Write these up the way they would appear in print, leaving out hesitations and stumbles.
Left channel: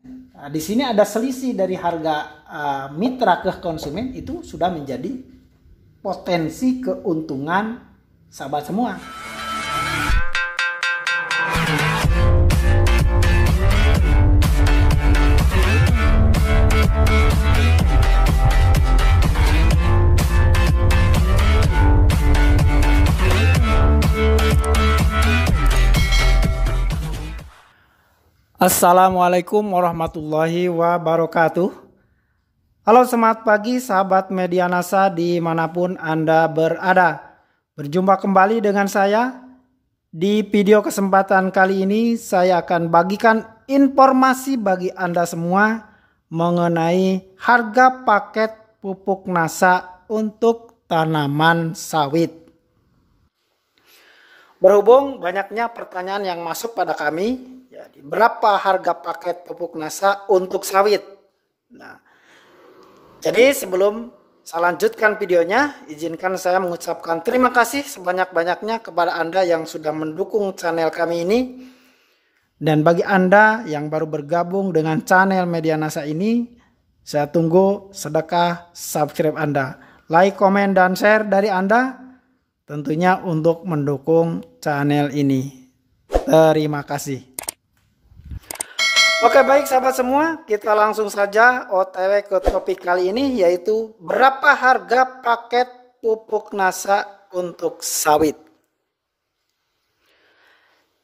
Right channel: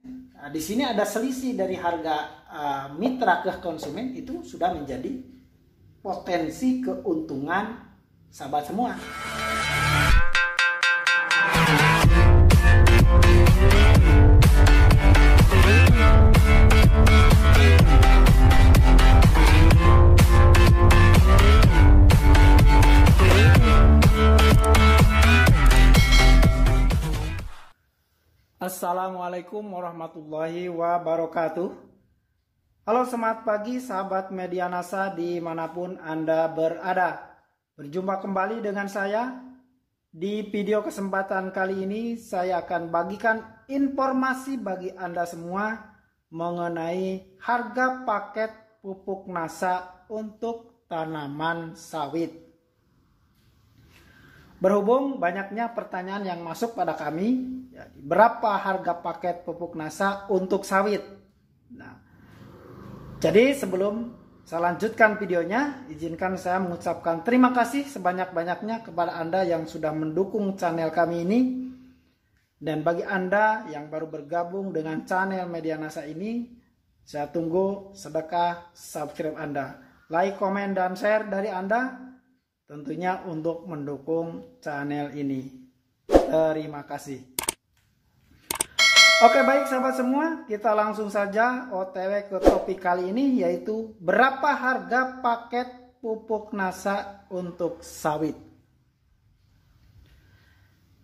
Nah, di sini ada selisih dari harga mitra ke konsumen, itu sudah menjadi potensi keuntungan sahabat semua. Assalamualaikum warahmatullahi wabarakatuh. Halo, semangat pagi sahabat Medianasa dimanapun Anda berada. Berjumpa kembali dengan saya. Di video kesempatan kali ini saya akan bagikan informasi bagi Anda semua mengenai harga paket pupuk NASA untuk tanaman sawit. Berhubung banyaknya pertanyaan yang masuk pada kami, jadi berapa harga paket pupuk NASA untuk sawit? Nah, jadi sebelum saya lanjutkan videonya, izinkan saya mengucapkan terima kasih sebanyak-banyaknya kepada Anda yang sudah mendukung channel kami ini. Dan bagi Anda yang baru bergabung dengan channel Medianasa ini, saya tunggu sedekah subscribe Anda. Like, komen, dan share dari Anda tentunya untuk mendukung channel ini. Terima kasih. Oke, baik sahabat semua, kita langsung saja OTW ke topik kali ini, yaitu berapa harga paket pupuk NASA untuk sawit.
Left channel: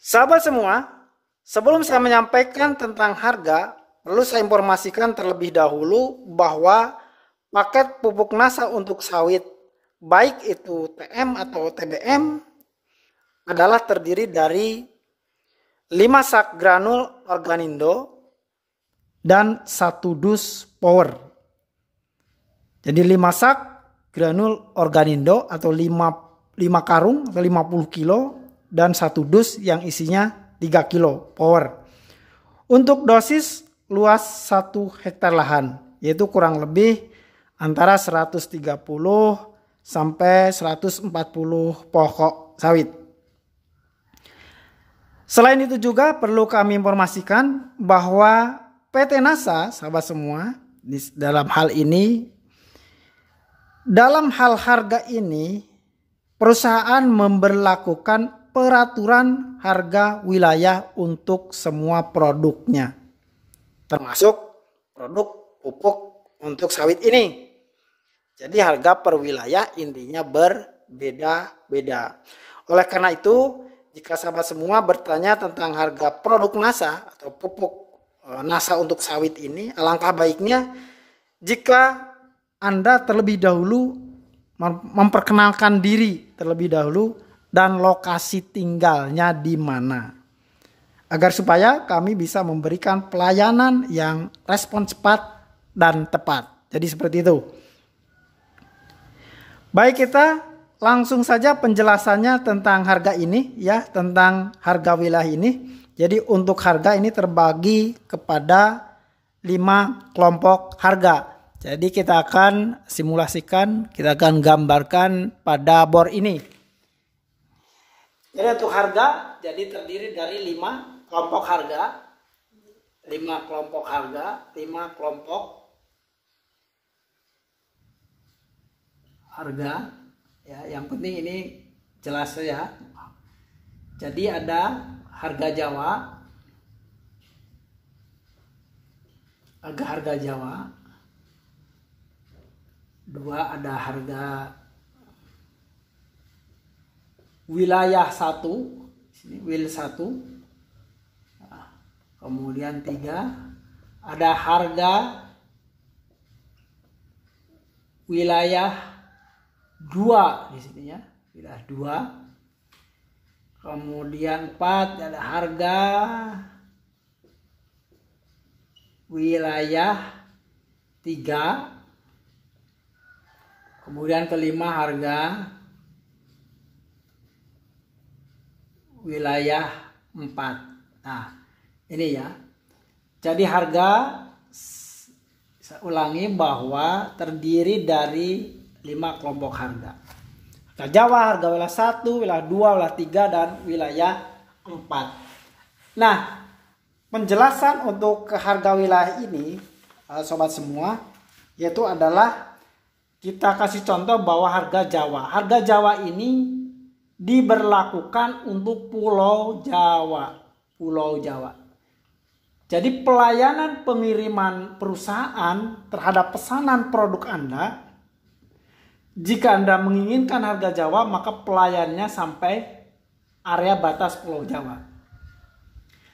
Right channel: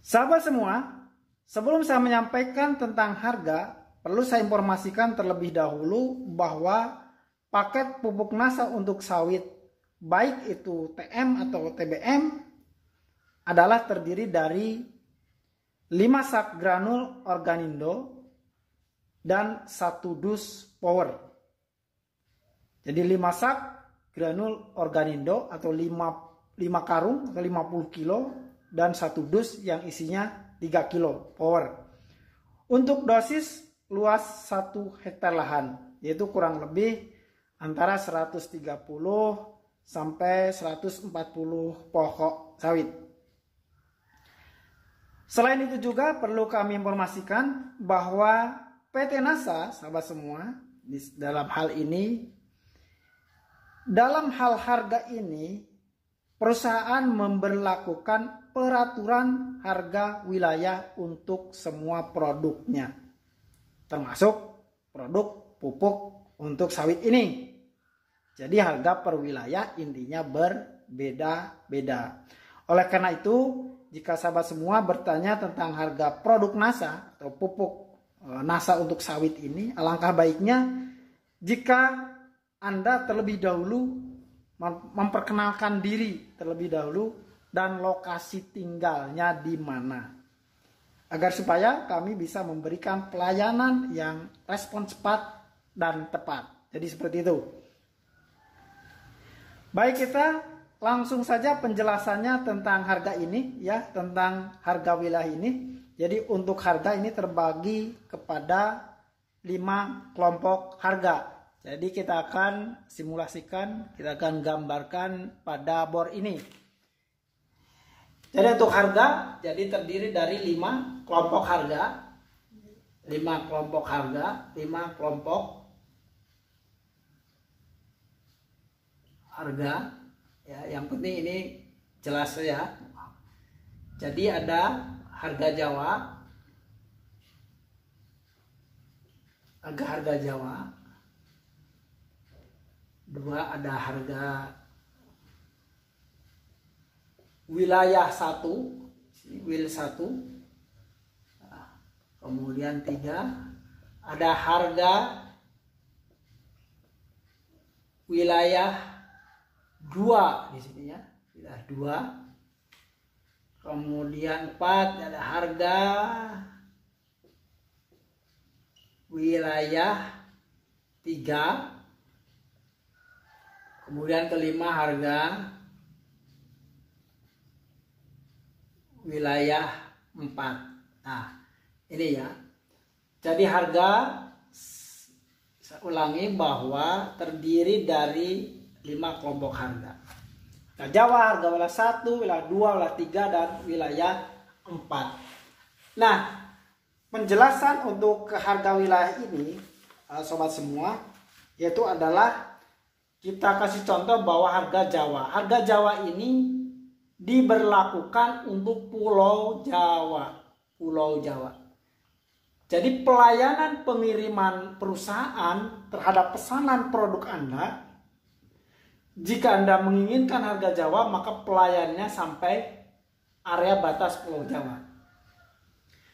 Sahabat semua, sebelum saya menyampaikan tentang harga, perlu saya informasikan terlebih dahulu bahwa paket pupuk NASA untuk sawit, baik itu TM atau TBM, adalah terdiri dari 5 sak granul Organindo dan 1 dus power. Jadi 5 sak granul Organindo atau 5 karung atau 50 kilo dan 1 dus yang isinya 3 kilo power. Untuk dosis luas 1 hektar lahan, yaitu kurang lebih antara 130 sampai 140 pokok sawit. Selain itu juga perlu kami informasikan bahwa PT NASA, sahabat semua, dalam hal harga ini, perusahaan memberlakukan peraturan harga wilayah untuk semua produknya, termasuk produk pupuk untuk sawit ini. Jadi harga per wilayah intinya berbeda-beda. Oleh karena itu, jika sahabat semua bertanya tentang harga produk NASA atau pupuk NASA untuk sawit ini, alangkah baiknya jika Anda terlebih dahulu memperkenalkan diri terlebih dahulu dan lokasi tinggalnya di mana, agar supaya kami bisa memberikan pelayanan yang respon cepat dan tepat. Jadi seperti itu. Baik, kita langsung saja penjelasannya tentang harga ini ya, tentang harga wilayah ini. Jadi untuk harga ini terbagi kepada 5 kelompok harga. Jadi kita akan simulasikan, kita akan gambarkan pada bor ini. Jadi untuk harga jadi terdiri dari 5 kelompok harga. 5 kelompok harga, 5 kelompok harga ya, yang penting ini jelas ya. Jadi ada harga Jawa, harga Jawa. 2 ada harga wilayah 1, sini wil 1. Kemudian 3 ada harga wilayah 2 di sini ya, wilayah 2. Kemudian 4 ada harga wilayah 3. Kemudian kelima harga wilayah 4. Nah, ini ya. Jadi harga, saya ulangi bahwa terdiri dari 5 kelompok harga. Harga Jawa, harga wilayah 1, wilayah 2, wilayah 3, dan wilayah 4. Nah, Penjelasan untuk harga wilayah ini, sobat semua, yaitu adalah kita kasih contoh bahwa harga Jawa. Harga Jawa ini diberlakukan untuk Pulau Jawa. Pulau Jawa. Jadi pelayanan pengiriman perusahaan terhadap pesanan produk Anda, jika Anda menginginkan harga Jawa, maka pelayannya sampai area batas Pulau Jawa.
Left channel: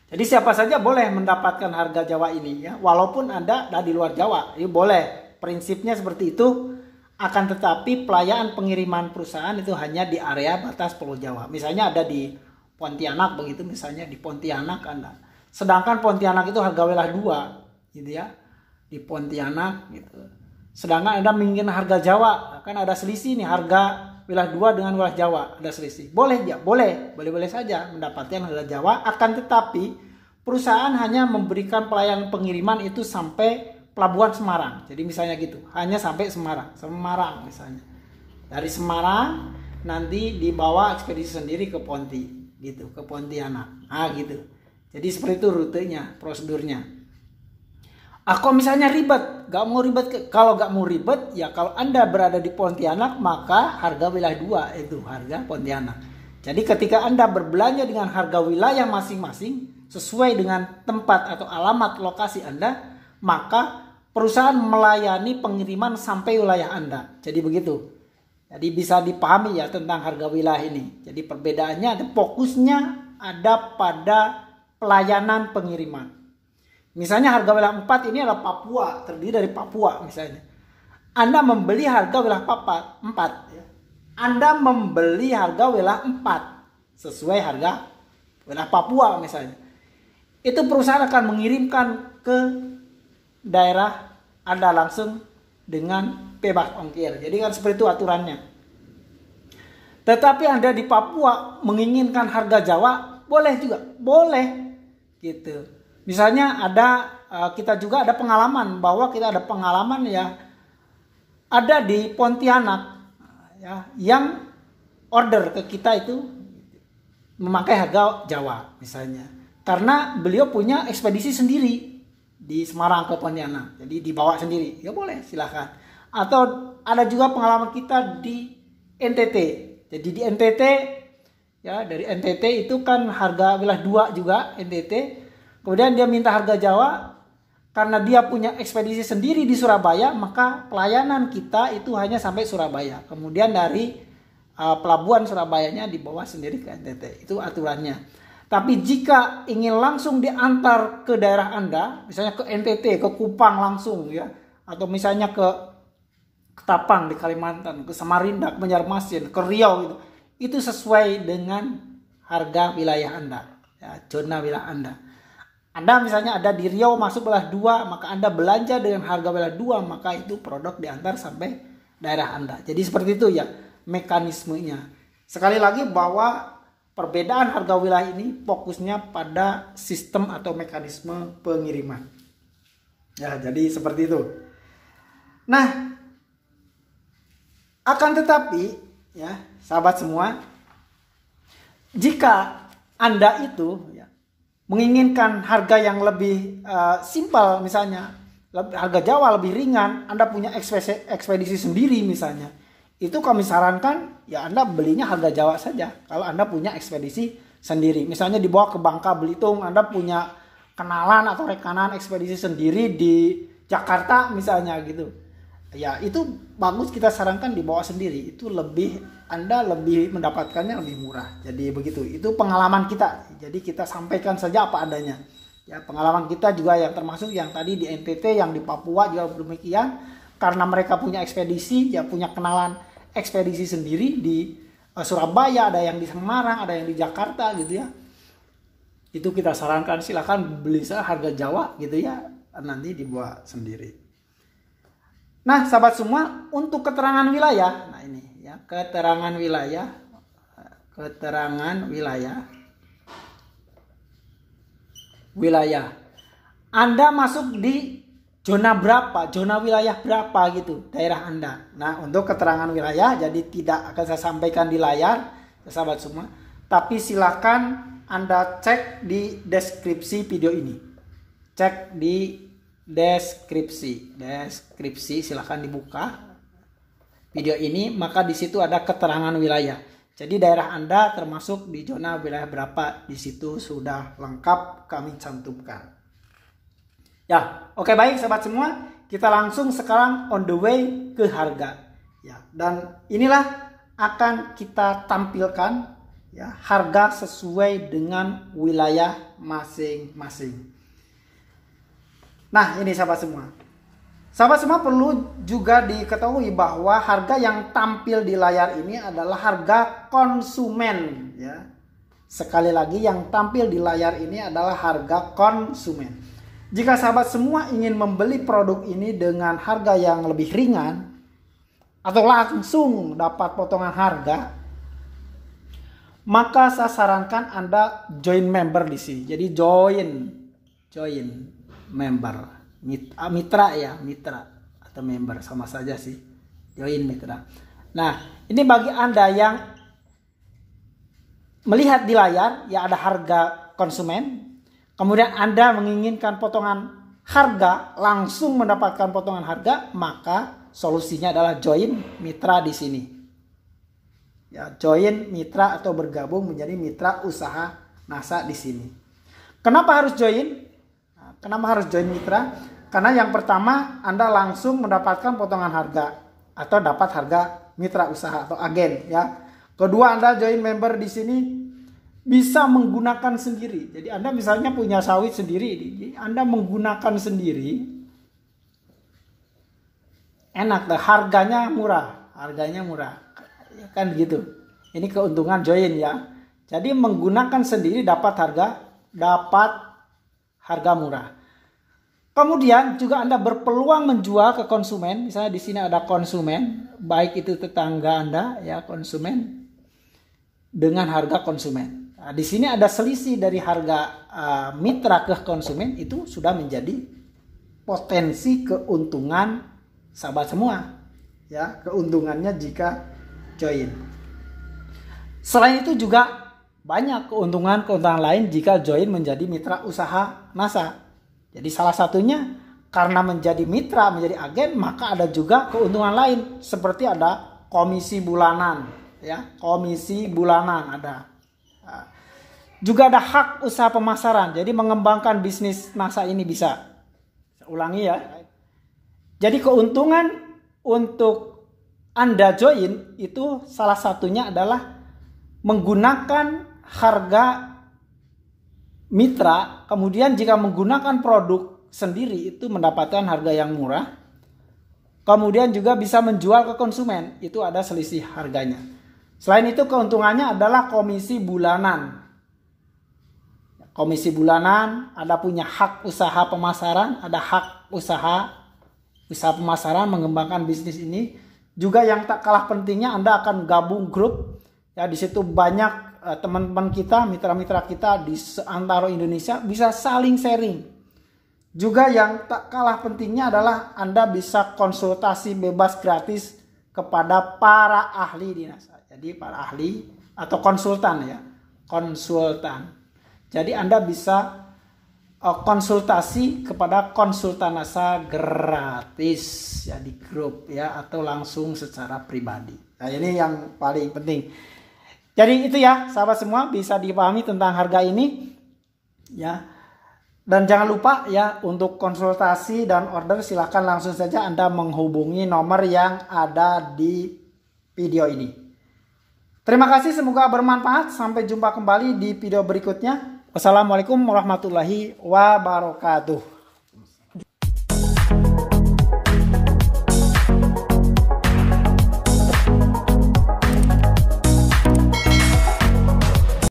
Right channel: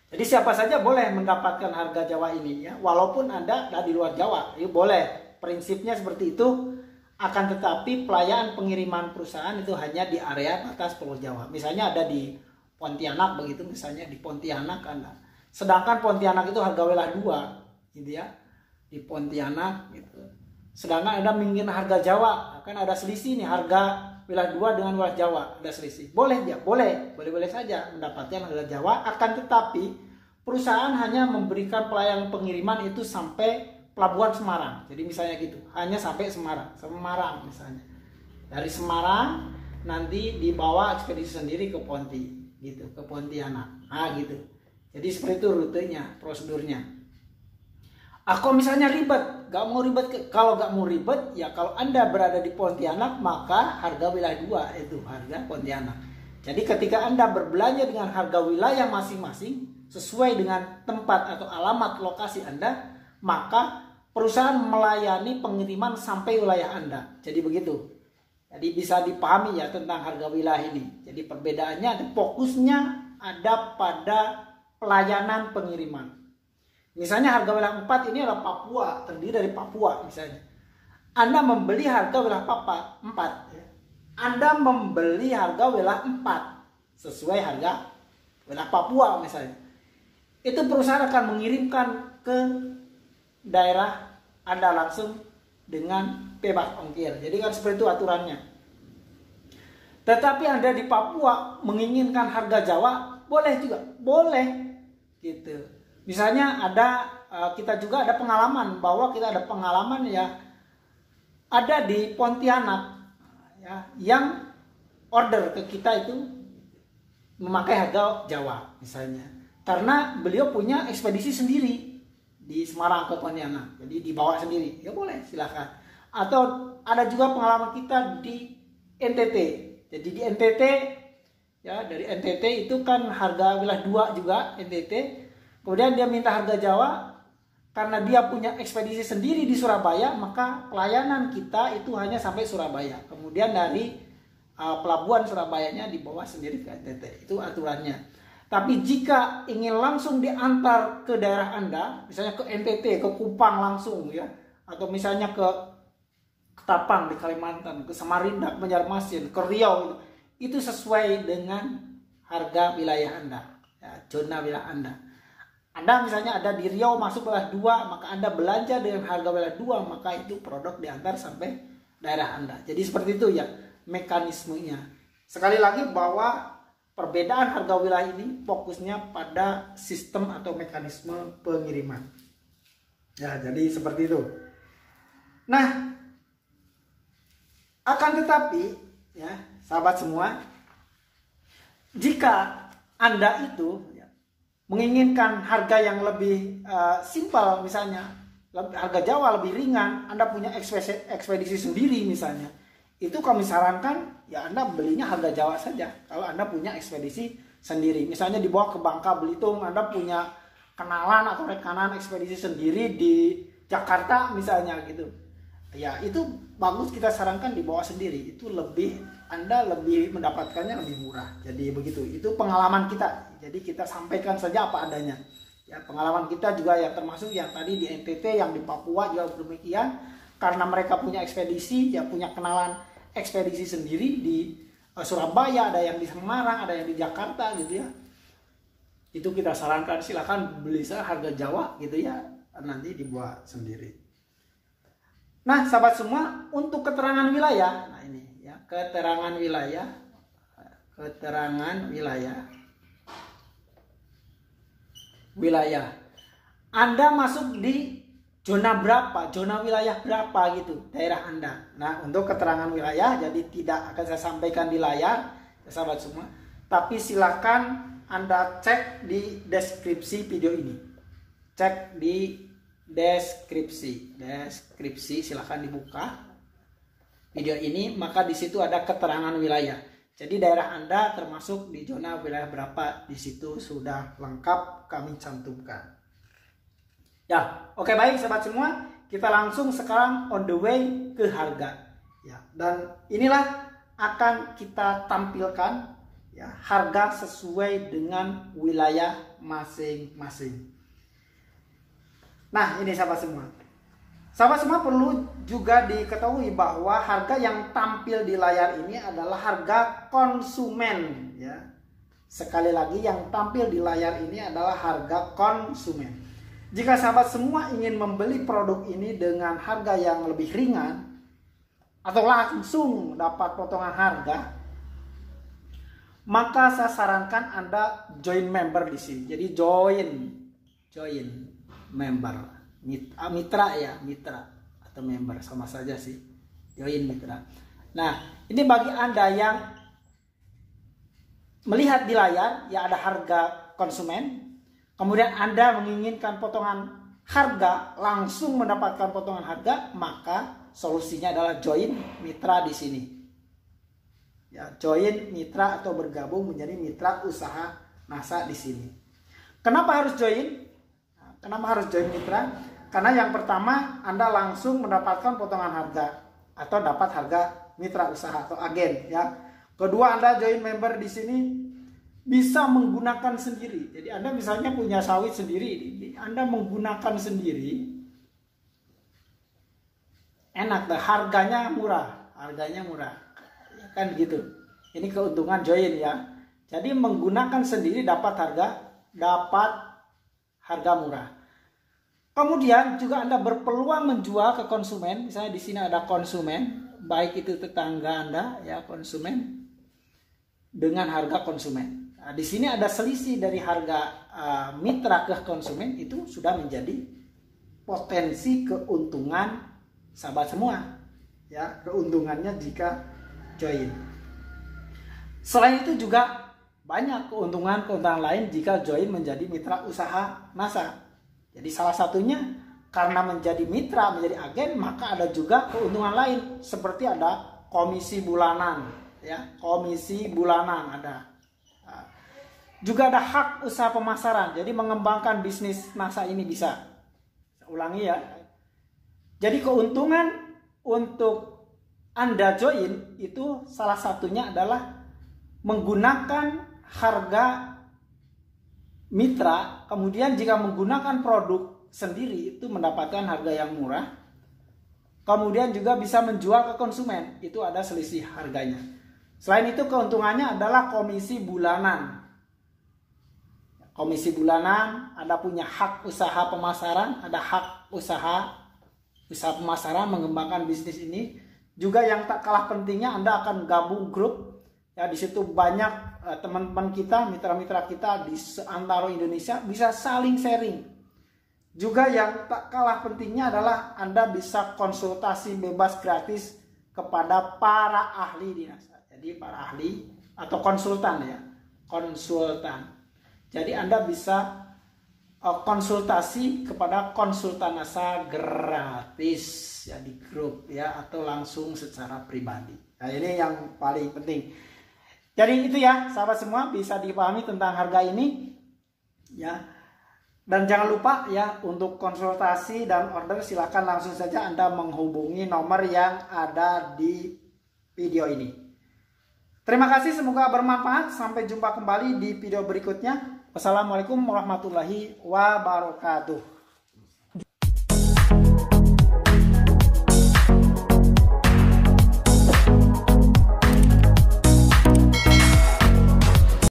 Jadi siapa saja boleh mendapatkan harga Jawa ini ya, walaupun Anda ada di luar Jawa, ini boleh. Prinsipnya seperti itu. Akan tetapi pelayanan pengiriman perusahaan itu hanya di area batas Pulau Jawa. Misalnya ada di Pontianak begitu, misalnya di Pontianak Anda. Sedangkan Pontianak itu harga wilayah 2 gitu ya. Di Pontianak gitu. Sedangkan Anda menginginkan harga Jawa, kan ada selisih nih harga wilayah 2 dengan wilayah Jawa, ada selisih. Boleh ya, boleh saja mendapatkan harga Jawa, akan tetapi perusahaan hanya memberikan pelayanan pengiriman itu sampai Pelabuhan Semarang. Jadi misalnya gitu, hanya sampai Semarang misalnya. Dari Semarang nanti dibawa ekspedisi sendiri ke Ponti gitu, ke Pontianak. Gitu. Jadi seperti itu rutenya, prosedurnya. Kalau misalnya ribet, kalau nggak mau ribet, ya kalau Anda berada di Pontianak, maka harga wilayah 2 itu harga Pontianak. Jadi ketika Anda berbelanja dengan harga wilayah masing-masing, sesuai dengan tempat atau alamat lokasi Anda, maka perusahaan melayani pengiriman sampai wilayah Anda. Jadi begitu. Jadi bisa dipahami ya tentang harga wilayah ini. Jadi perbedaannya, fokusnya ada pada pelayanan pengiriman. Misalnya harga wilayah 4 ini adalah Papua, terdiri dari Papua misalnya. Anda membeli harga wilayah 4 ya. Anda membeli harga wilayah 4 sesuai harga wilayah Papua misalnya. Itu perusahaan akan mengirimkan ke daerah Anda langsung dengan bebas ongkir. Jadi kan seperti itu aturannya. Tetapi Anda di Papua menginginkan harga Jawa, boleh juga, boleh gitu. Misalnya kita juga ada pengalaman bahwa kita ada pengalaman ya ada di Pontianak ya yang order ke kita itu memakai harga Jawa misalnya. Karena beliau punya ekspedisi sendiri di Semarang ke Pontianak. Jadi dibawa sendiri. Ya boleh, silakan. Atau ada juga pengalaman kita di NTT. Jadi di NTT ya dari NTT itu kan harga wilayah 2 juga NTT. Kemudian dia minta harga Jawa karena dia punya ekspedisi sendiri di Surabaya, maka pelayanan kita itu hanya sampai Surabaya. Kemudian dari pelabuhan Surabayanya dibawa sendiri ke NTT. Itu aturannya. Tapi jika ingin langsung diantar ke daerah Anda, misalnya ke NTT, ke Kupang langsung ya, atau misalnya ke Ketapang di Kalimantan, ke Samarinda, ke Banjarmasin, ke Riau itu sesuai dengan harga wilayah Anda, ya, zona wilayah Anda. Anda misalnya ada di Riau masuk wilayah 2, maka Anda belanja dengan harga wilayah 2, maka itu produk diantar sampai daerah Anda. Jadi seperti itu ya mekanismenya. Sekali lagi bahwa perbedaan harga wilayah ini fokusnya pada sistem atau mekanisme pengiriman. Ya, jadi seperti itu. Nah, akan tetapi ya, sahabat semua, jika Anda itu ya, menginginkan harga yang lebih simpel misalnya, harga Jawa lebih ringan, Anda punya ekspedisi sendiri misalnya, itu kami sarankan ya Anda belinya harga Jawa saja. Kalau Anda punya ekspedisi sendiri, misalnya dibawa ke Bangka Belitung, Anda punya kenalan atau rekanan ekspedisi sendiri di Jakarta misalnya gitu. Ya itu bagus, kita sarankan dibawa sendiri. Itu Anda lebih mendapatkannya lebih murah. Jadi begitu. Itu pengalaman kita. Jadi kita sampaikan saja apa adanya. Ya pengalaman kita juga yang termasuk yang tadi di NTT, yang di Papua juga demikian. Karena mereka punya ekspedisi, ya punya kenalan ekspedisi sendiri di Surabaya, ada yang di Semarang, ada yang di Jakarta gitu ya. Itu kita sarankan silakan beli harga Jawa gitu ya, nanti dibuat sendiri. Nah, sahabat semua, untuk keterangan wilayah, nah ini ya, keterangan wilayah. Anda masuk di zona berapa, zona wilayah berapa gitu, daerah Anda. Nah, untuk keterangan wilayah, jadi tidak akan saya sampaikan di layar, ya, sahabat semua. Tapi silakan Anda cek di deskripsi video ini. cek di deskripsi silahkan dibuka video ini, maka di situ ada keterangan wilayah. Jadi daerah Anda termasuk di zona wilayah berapa, di situ sudah lengkap kami cantumkan. Ya, oke, baik sahabat semua, kita langsung sekarang on the way ke harga. Ya, dan inilah akan kita tampilkan ya harga sesuai dengan wilayah masing-masing. Nah, ini sahabat semua. Sahabat semua perlu juga diketahui bahwa harga yang tampil di layar ini adalah harga konsumen ya. Sekali lagi, yang tampil di layar ini adalah harga konsumen. Jika sahabat semua ingin membeli produk ini dengan harga yang lebih ringan atau langsung dapat potongan harga, maka saya sarankan Anda join member di sini. Jadi join member. Mitra ya, mitra atau member sama saja sih, join mitra. Nah, ini bagi Anda yang melihat di layar ya ada harga konsumen, kemudian Anda menginginkan potongan harga, langsung mendapatkan potongan harga, maka solusinya adalah join mitra di sini. Ya, join mitra atau bergabung menjadi mitra usaha NASA di sini. Kenapa harus join? Kenapa harus join mitra? Karena yang pertama, Anda langsung mendapatkan potongan harga atau dapat harga mitra usaha atau agen ya. Kedua, Anda join member di sini bisa menggunakan sendiri. Jadi Anda misalnya punya sawit sendiri, Anda menggunakan sendiri. Enak dah, harganya murah. Ya kan gitu. Ini keuntungan join ya. Jadi menggunakan sendiri dapat harga murah. Kemudian juga Anda berpeluang menjual ke konsumen. Misalnya di sini ada konsumen, baik itu tetangga Anda ya, konsumen dengan harga konsumen. Nah, di sini ada selisih dari harga mitra ke konsumen, itu sudah menjadi potensi keuntungan sahabat semua. Ya, keuntungannya jika join. Selain itu juga banyak keuntungan lain jika join menjadi mitra usaha NASA. Jadi salah satunya karena menjadi mitra, menjadi agen, maka ada juga keuntungan lain seperti ada komisi bulanan, ya, komisi bulanan ada. Juga ada hak usaha pemasaran. Jadi mengembangkan bisnis NASA ini bisa. Saya ulangi ya. Jadi keuntungan untuk Anda join itu salah satunya adalah menggunakan harga mitra, kemudian jika menggunakan produk sendiri itu mendapatkan harga yang murah, kemudian juga bisa menjual ke konsumen, itu ada selisih harganya. Selain itu keuntungannya adalah komisi bulanan. Komisi bulanan, Anda punya hak usaha pemasaran, ada hak usaha pemasaran mengembangkan bisnis ini. Juga yang tak kalah pentingnya, Anda akan gabung grup. Ya, di situ banyak teman-teman kita, mitra-mitra kita di seantero Indonesia bisa saling sharing. Juga yang tak kalah pentingnya adalah Anda bisa konsultasi bebas gratis kepada para ahli di NASA. Jadi para ahli atau konsultan ya, konsultan. Jadi Anda bisa konsultasi kepada konsultan NASA gratis ya di grup ya, atau langsung secara pribadi. Nah, ini yang paling penting. Jadi itu ya sahabat semua, bisa dipahami tentang harga ini ya. Dan jangan lupa ya, untuk konsultasi dan order silahkan langsung saja Anda menghubungi nomor yang ada di video ini. Terima kasih, semoga bermanfaat. Sampai jumpa kembali di video berikutnya. Wassalamualaikum warahmatullahi wabarakatuh.